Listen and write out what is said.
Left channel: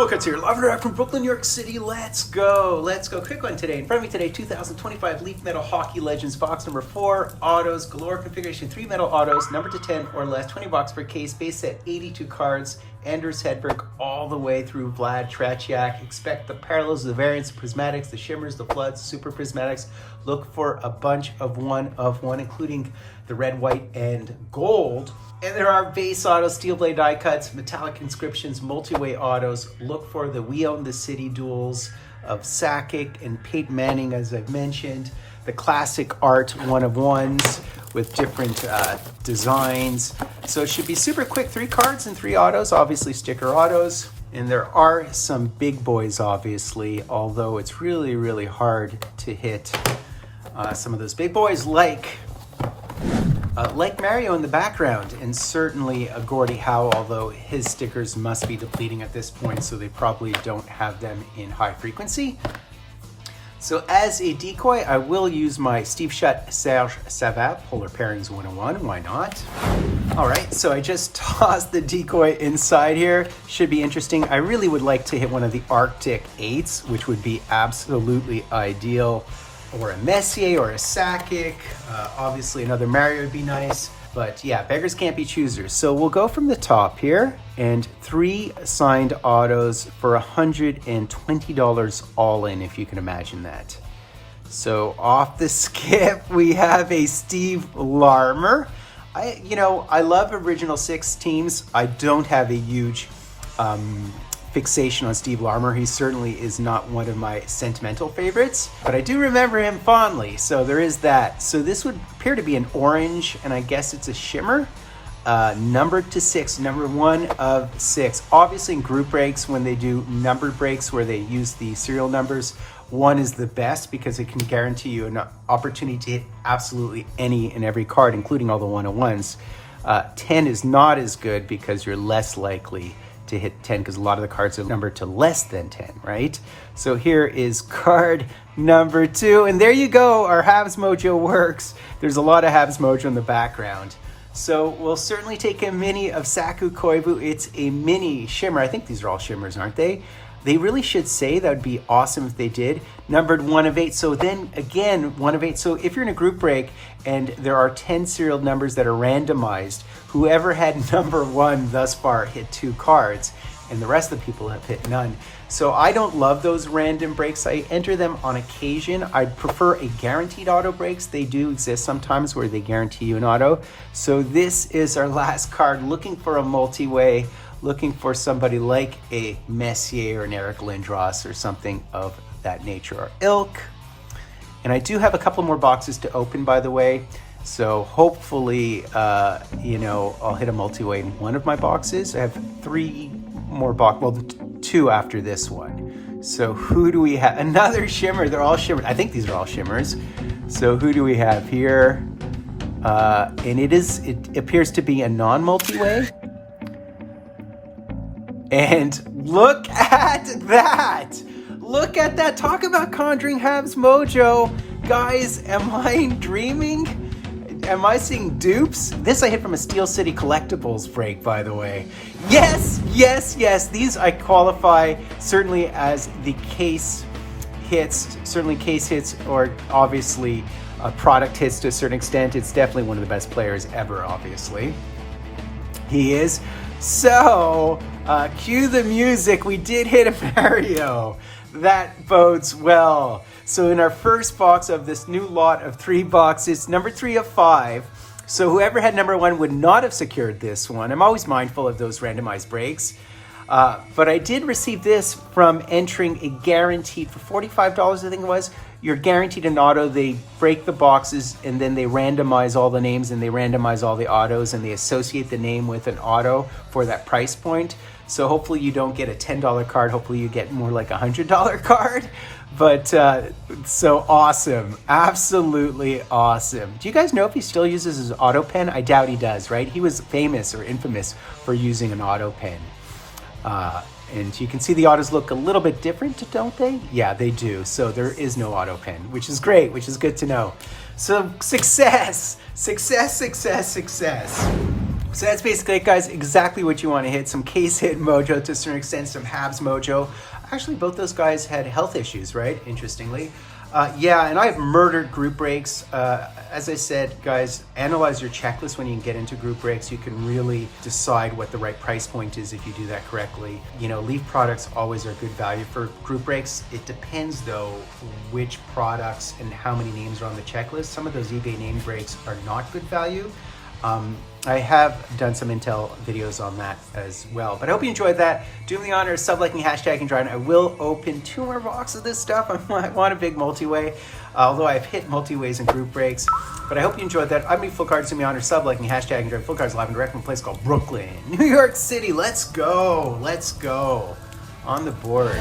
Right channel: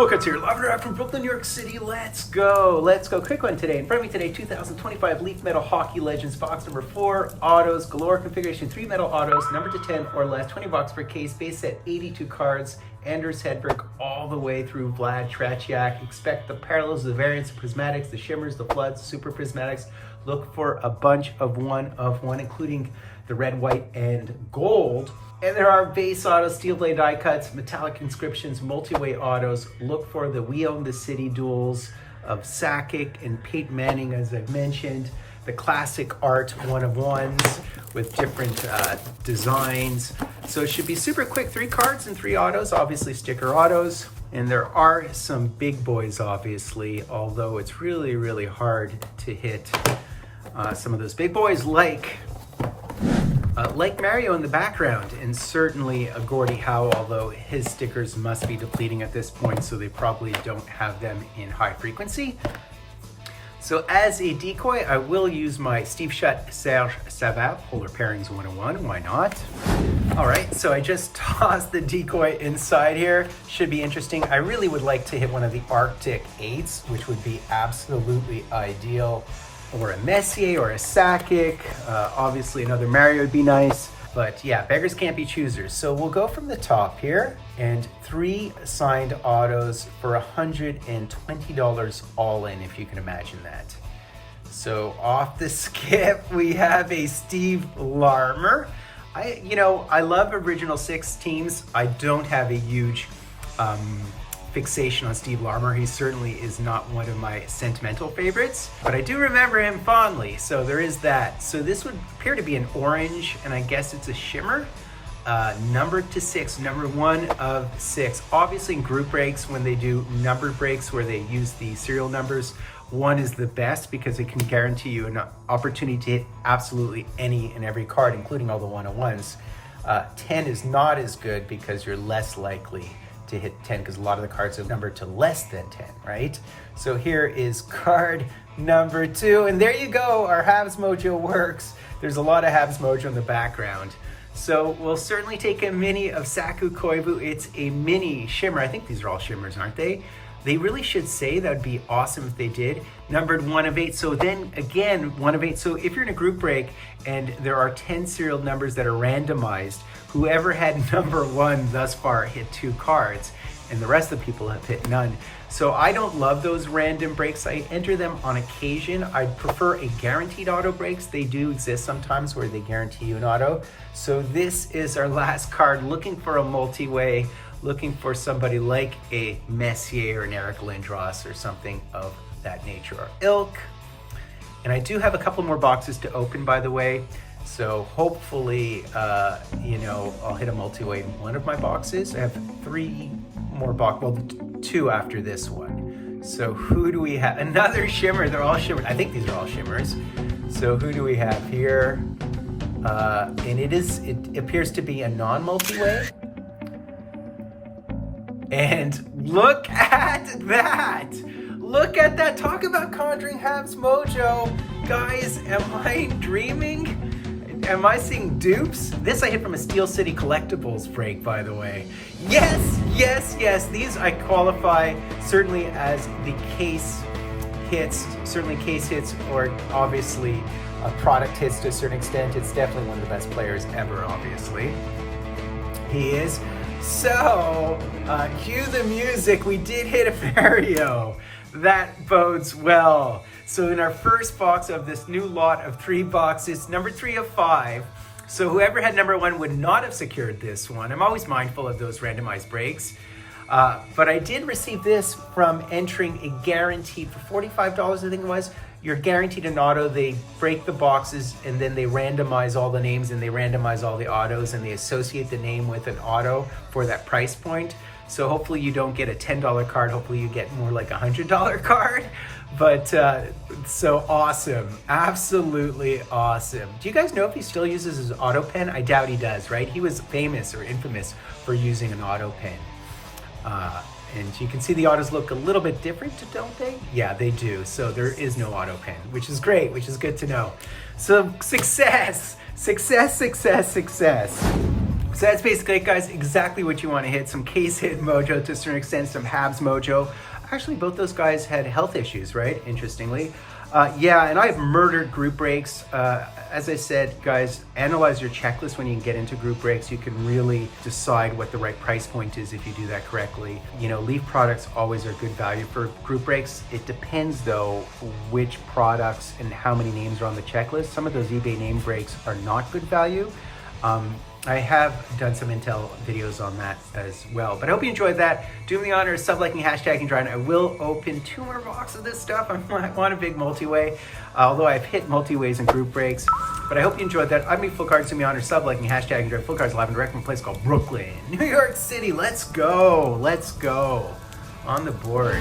Fultoncards here, live from Brooklyn, New York City. Let's go. Quick one today. In front of me today, 2025 Leaf Metal Hockey Legends box number 4, autos, galore configuration, 3 metal autos, numbered to 10 or less, 20 bucks per case, base set 82 cards, Anders Hedberg all the way through Vlad Tretiak. Expect the parallels, the variants, the prismatics, the shimmers, the floods, super prismatics. Look for a bunch of one, including the red, white, and gold. And there are base autos, steel blade die cuts, metallic inscriptions, multi-way autos. Look for the We Own the City duels of Sakic and Peyton Manning, as I've mentioned. The classic art one-of-ones with different designs. So it should be super quick. 3 cards and 3 autos, obviously sticker autos. And there are some big boys, obviously, although it's really, really hard to hit some of those big boys like Mario in the background, and certainly a Gordie Howe, although his stickers must be depleting at this point, so they probably don't have them in high frequency. So as a decoy, I will use my Steve Shutt Serge Savard Polar Pairings 101, why not? All right, so I just tossed the decoy inside here. Should be interesting. I really would like to hit one of the Arctic 8s, which would be absolutely ideal. Or a Messier or a Sakic. Obviously another Mario would be nice. But yeah, beggars can't be choosers. So we'll go from the top here, and 3 signed autos for $120 all in, if you can imagine that. So off the skip, we have a Steve Larmer. I love original 6 teams. I don't have a huge fixation on Steve Larmer. He certainly is not one of my sentimental favorites, but I do remember him fondly, so there is that. So this would appear to be an orange, and I guess it's a shimmer, numbered to 6, number 1 of 6. Obviously in group breaks, when they do numbered breaks where they use the serial numbers, 1 is the best because it can guarantee you an opportunity to hit absolutely any and every card, including all the 101s. 10 is not as good because you're less likely to hit 10 because a lot of the cards are numbered to less than 10, right? So here is card number 2, and there you go, our Habs Mojo works. There's a lot of Habs Mojo in the background. So we'll certainly take a mini of Saku Koivu. It's a mini shimmer. I think these are all shimmers, aren't they? They really should say. That would be awesome if they did. Numbered 1 of 8. So then again, 1 of 8. So if you're in a group break and there are 10 serial numbers that are randomized, whoever had number 1 thus far hit 2 cards, and the rest of the people have hit none. So I don't love those random breaks. I enter them on occasion. I prefer a guaranteed auto breaks. They do exist sometimes where they guarantee you an auto. So this is our last card, looking for a multi-way, looking for somebody like a Messier or an Eric Lindros or something of that nature or ilk. And I do have a couple more boxes to open, by the way. So hopefully, I'll hit a multi-way in one of my boxes. I have 3 more boxes, well, 2 after this one. So who do we have? Another shimmer. They're all shimmer. I think these are all shimmers. So who do we have here? And it appears to be a non-multi-way. And look at that! Look at that! Talk about conjuring Habs Mojo. Guys, am I dreaming? Am I seeing dupes? This I hit from a Steel City Collectibles break, by the way. Yes, yes, yes. These I qualify certainly as the case hits, or obviously product hits to a certain extent. It's definitely one of the best players ever, obviously. He is. So, cue the music. We did hit a Mario. That bodes well. So in our first box of this new lot of 3 boxes, number 3 of 5. So whoever had number 1 would not have secured this one. I'm always mindful of those randomized breaks. But I did receive this from entering a guaranteed, for $45 I think it was, you're guaranteed an auto. They break the boxes and then they randomize all the names and they randomize all the autos and they associate the name with an auto for that price point. So hopefully you don't get a $10 card. Hopefully you get more like a $100 card. But so awesome. Absolutely awesome. Do you guys know if he still uses his auto pen? I doubt he does, right? He was famous or infamous for using an auto pen. And you can see the autos look a little bit different, don't they? Yeah, they do. So there is no auto pen, which is great, which is good to know. So success, success, success, success. So that's basically it, guys. Exactly what you want to hit. Some case hit mojo to a certain extent, some Habs mojo. Actually, both those guys had health issues, right? Interestingly. Yeah, and I've murdered group breaks. As I said, guys, analyze your checklist when you get into group breaks. You can really decide what the right price point is if you do that correctly. You know, Leaf products always are good value for group breaks. It depends, though, which products and how many names are on the checklist. Some of those eBay name breaks are not good value. I have done some intel videos on that as well, but I hope you enjoyed that. Do me the honor of sub-liking, hashtagging, trying. I will open 2 more boxes of this stuff. I want a big multi-way, although I've hit multi-ways and group breaks, but I hope you enjoyed that. I'm Fultoncards. Do me the honor of sub-liking, hashtagging, trying. Fultoncards live and direct from a place called Brooklyn, New York City. Let's go. Let's go. On the board.